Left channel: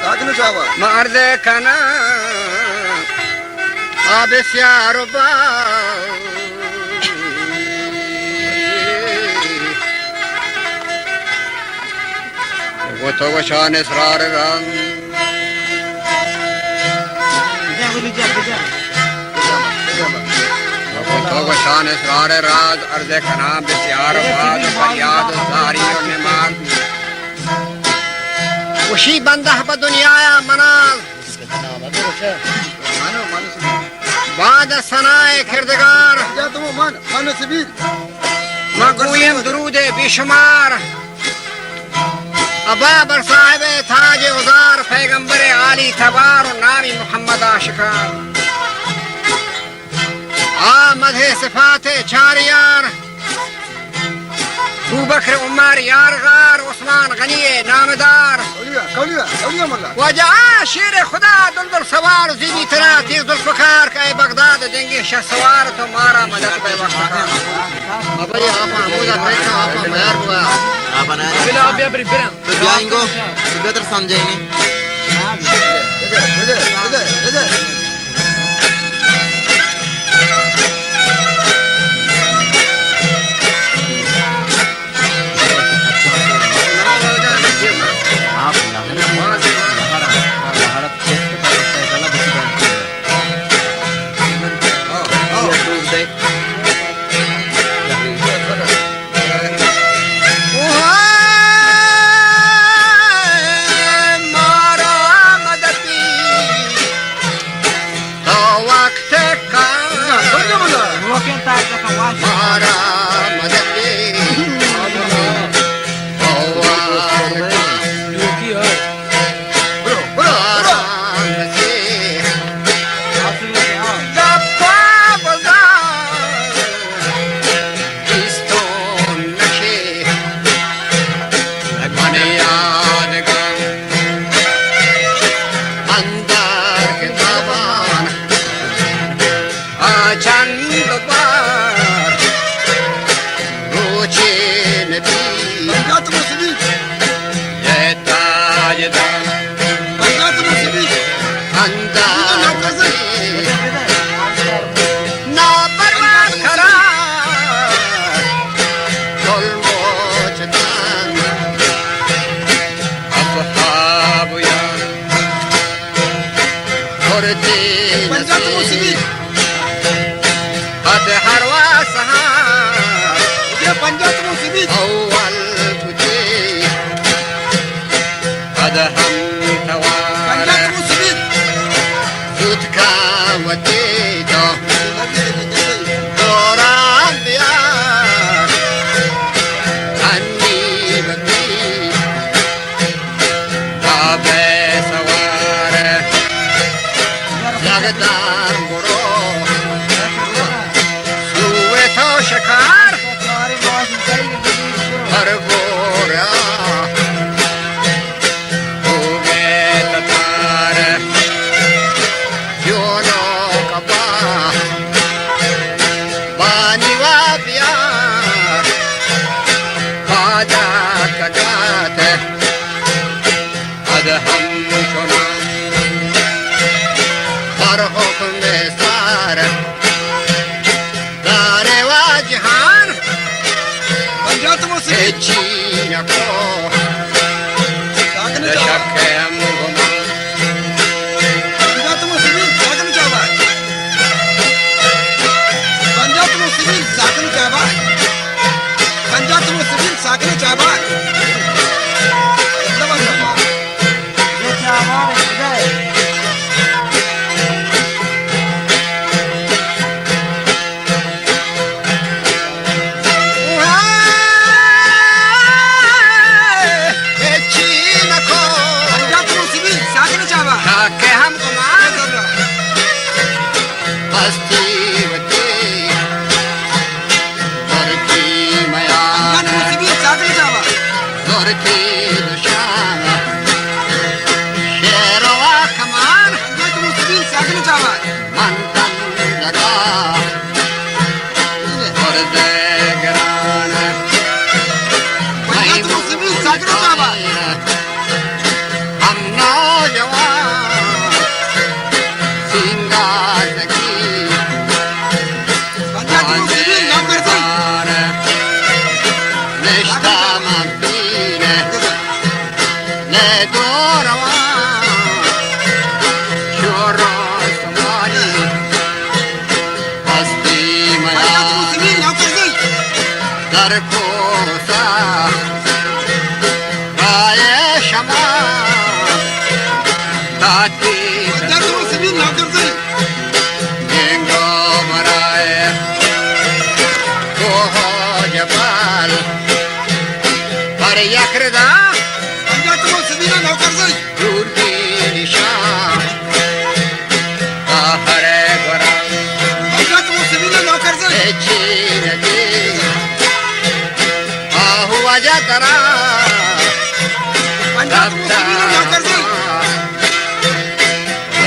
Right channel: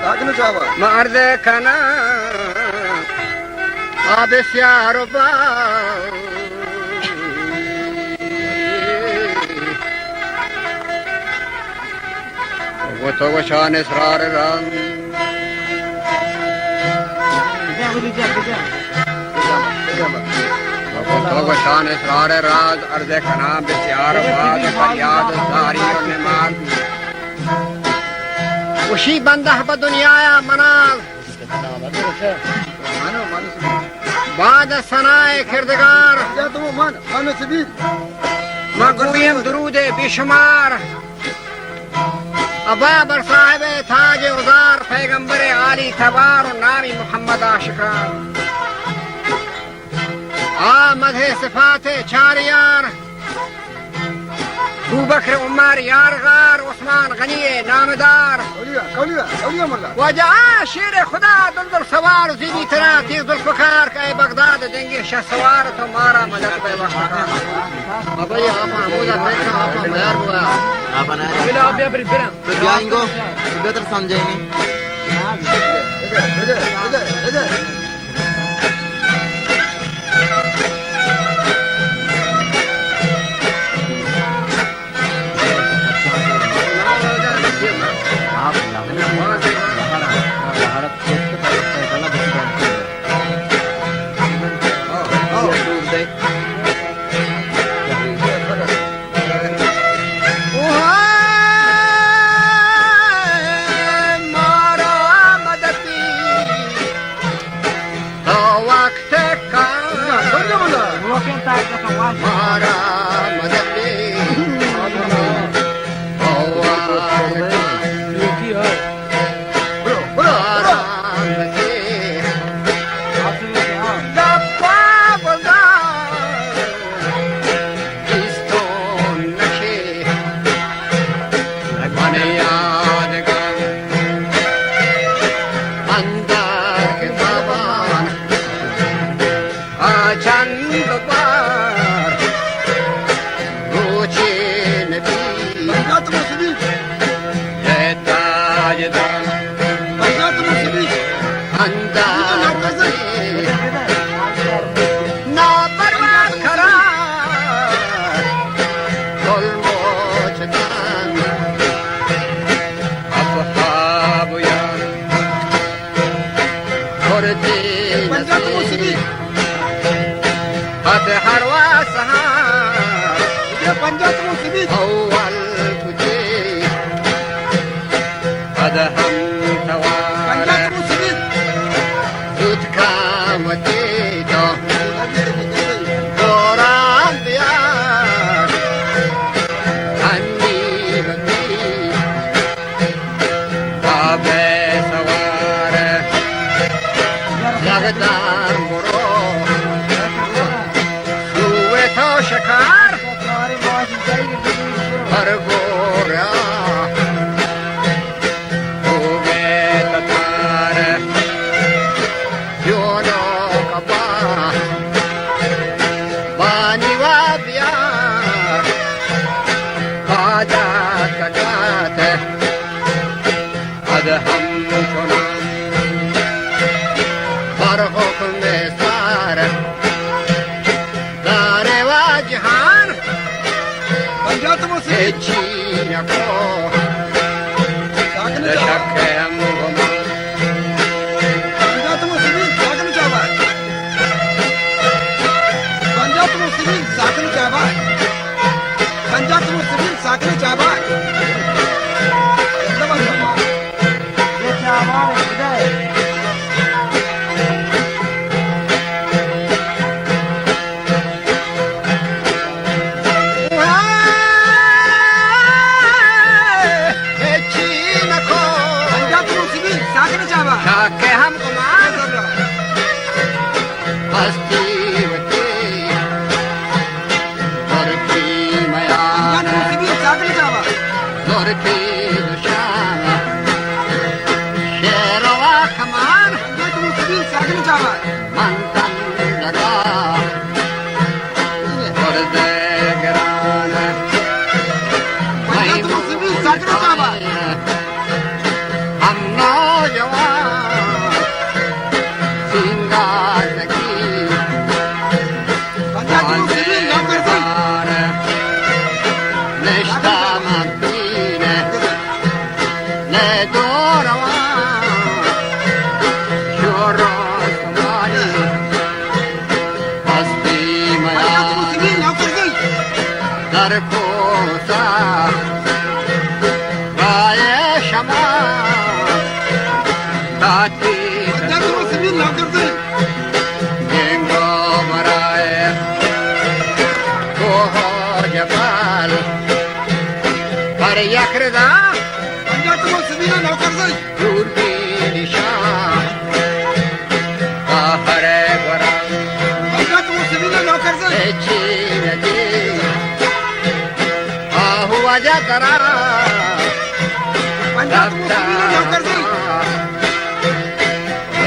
साजन चावा मर्द कना आब प्यार बा वो तो वशान इसरार रंग तो वशान इसरार राज अर्ज कना प्यार बाद फरियाद जारी और निमाज वशी बंदा दुनिया मनाज बाद सनाए किरदगार मगूयम दरूद बेशुमार अबा बर साहिब ताज उजार पैगंबर आली तबार नामी मोहम्मद आशिकार आमद है सिफात चारियार अबू बकर उमर यारगार उस्मान गनी नामदार वजा शेर खुदा दुलदुल सवार जीबी तरा तीर जुल्फकार का बगदाद देंगे शाह सवार तो मारा मदद पे वफाकार अब ये आपा मोजा पैसा आपा मयार हुआ आपा ना बिला आप या बरी बिरा तो जाएंगे तो बेहतर समझेंगे इधर I'm not نوجوان سینگار زکی آنجار نشتا من بینه ندوروان شورو سمانی هستی میان در کوسا رای شما تاتی اینگو برای کوه جبال پر یکردا دور بیری شام آخر برام اچی ندی آهو وجه درا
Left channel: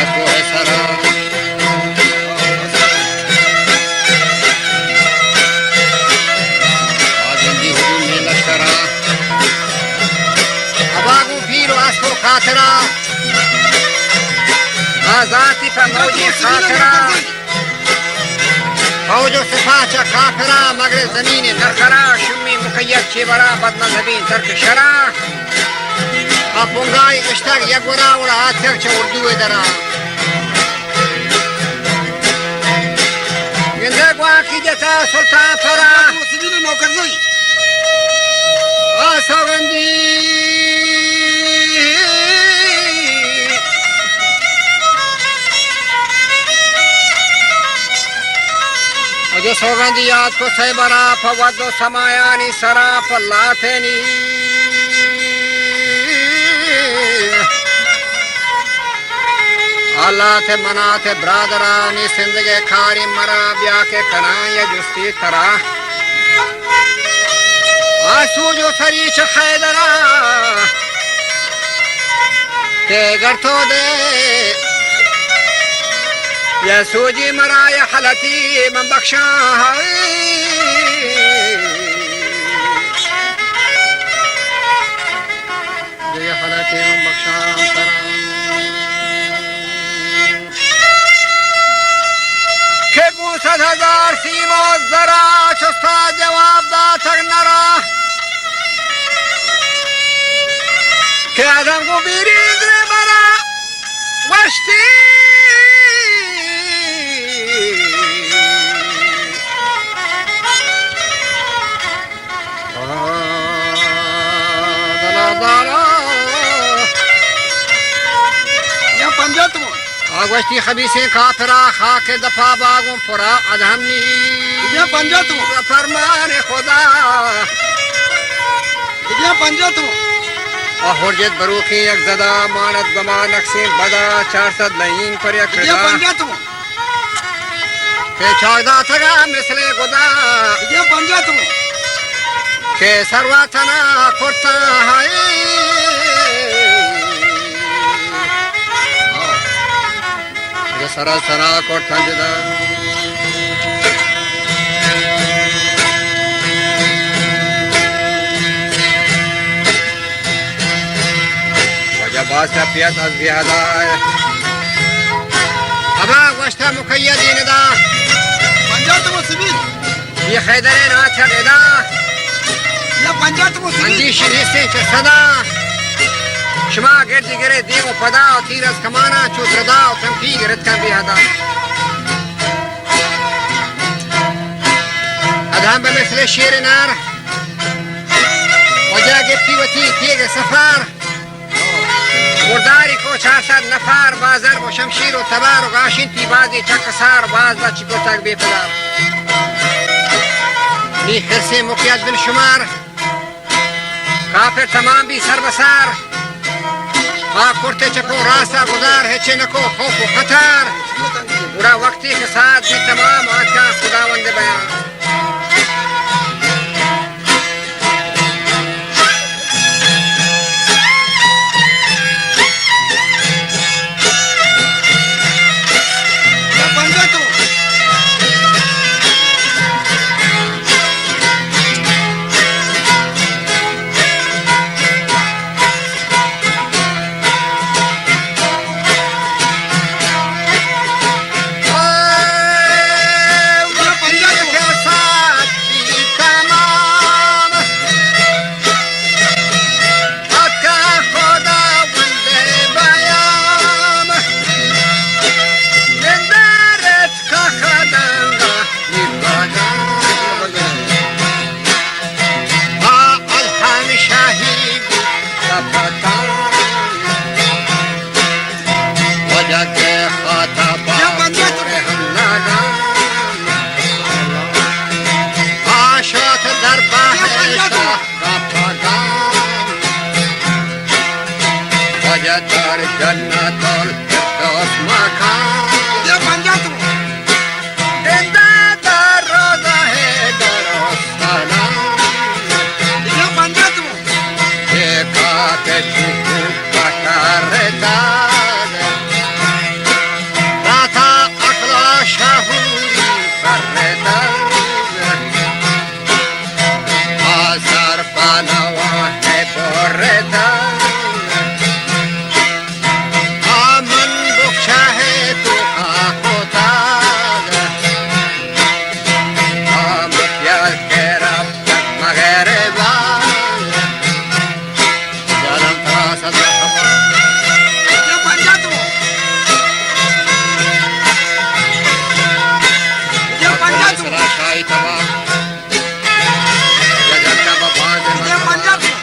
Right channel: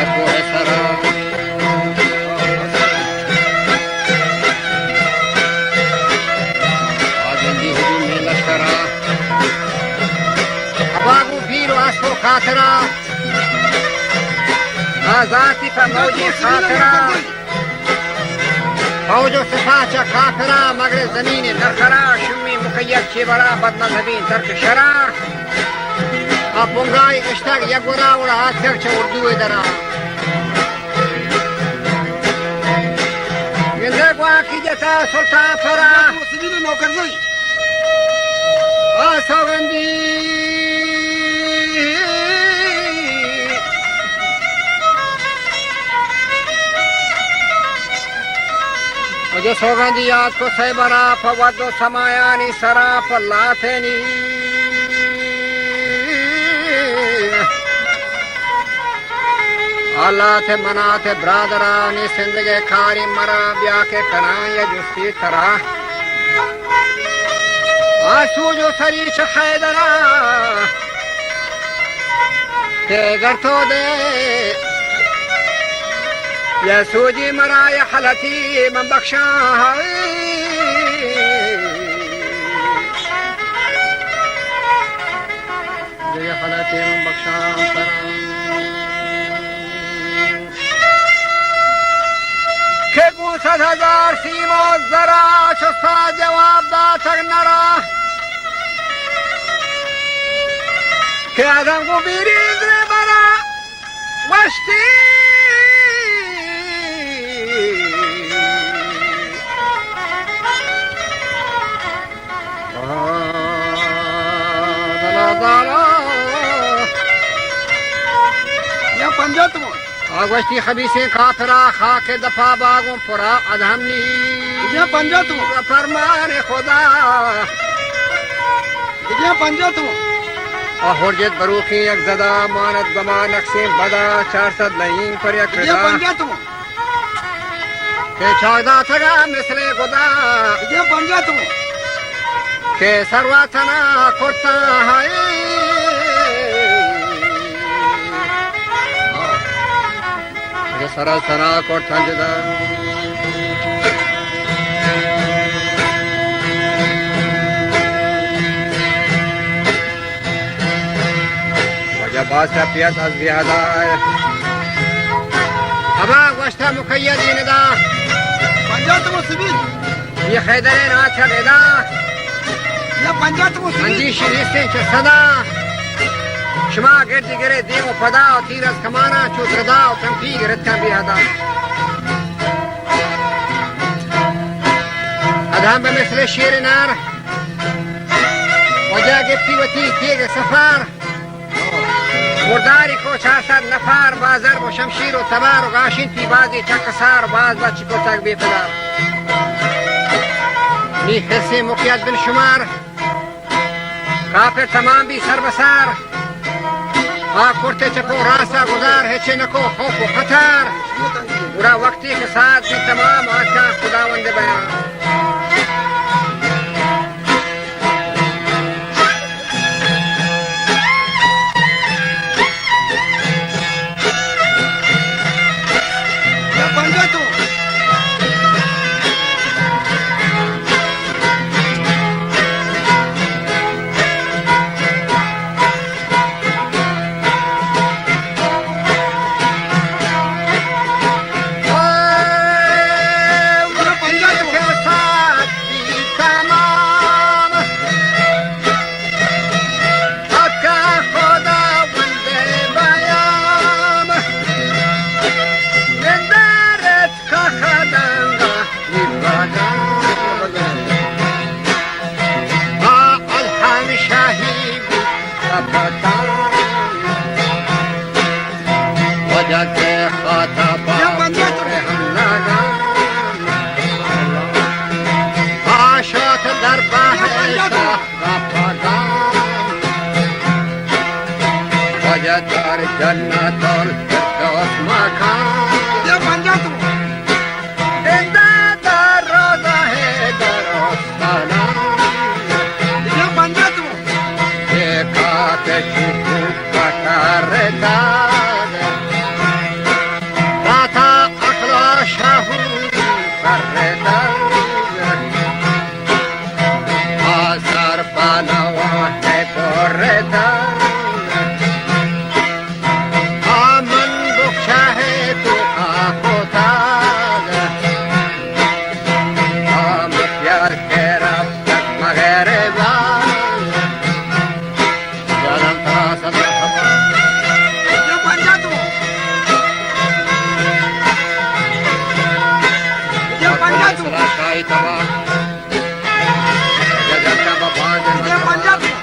رکو سرا آگندی حدود میں لشکرا اباگو پیرو اسکو خاطرہ آزادی پر موجی خاطرہ فوجو سپاچا کافرہ مگر زمین نرخرا شمی مقید چی برا بدمذہبین ترک شرا اپنگای اشتاق یگورا وڑا آتھر چا اردو درا گندے گواکی جتا سلطان فرا آسوگندی مجھے سوگندی یاد کو سیبرا فود و سمایانی سرا پلاتینی اللہ تے منا تے برادرانی زندگی کھاری مرا بیا کے کنا یا جستی کرا آسو جو سری چخیدرا تے گرتو دے یا سوجی مرا یا حلتی من بخشا یا حلتی من بخشا کہ 500,000 سیم و ذرا چستا جواب دا تک نرا کہ آدم کو بیریز ری برا وشتی یا پنجاتمو آگوشتی خبیثیں کافرہ خاک دفا باغوں پورا ادھمنی یا پنجاتمو فرمان خدا یا پنجاتمو حرجت بروخی یک زدہ مانت گما نقصیں بدا 400 لئین پر یک یا ردا پنجاتمو کہ چاہدہ تگا مثل خدا یا پنجاتمو کہ سرواتنا کرتا ہے سرا سرا کرتا جدا وجہ باسا پیت از بیادائے ابا وشتا مقیدین دا پنجاتمو سبیل یہ خیدرین آتھا گدا یا پنجاتمو سبیل اندیشی نیستی چه صدا شما گردی گره دیم و پدا و تیر از کمانا چوت ردا و تنفی گرد کن بیهدا ادهم به مثل شیر نار وجا گفتی و تی تیگ سفار مرداری کو 400 نفر بازر و شمشیر و تبار و گاشین تی بازی چک سار باز با چکو تک بی پدار نی خرسی مقید بن شمار کافر تمام بی سر بسار کرتے چکو راستہ گزار ہے چنکو خوف و خطر برا وقتی کے ساتھ بھی تمام آقا خداوند بیان یا پنجاتمو وجد خطب عاشت در بهشت رفتگان وجد در جنت الفردوس مکان بیا پنجاتمو زنده در روضه درستانان بیا پنجاتمو یکات چوب بطر داد راتا اقلا شهوری فرداد آزر بنواه برداد آمن بخشه تو آخوتاد آمکیال که رفتد مغربان جانم تراسد رحمان بیا پنجاتمو بیا پنجاتمو شاهی تبا جگت با باند بیا پنجاتمو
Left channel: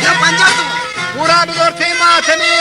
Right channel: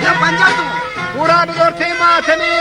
بیا پنجاتمو پورا بزرگی ماتمی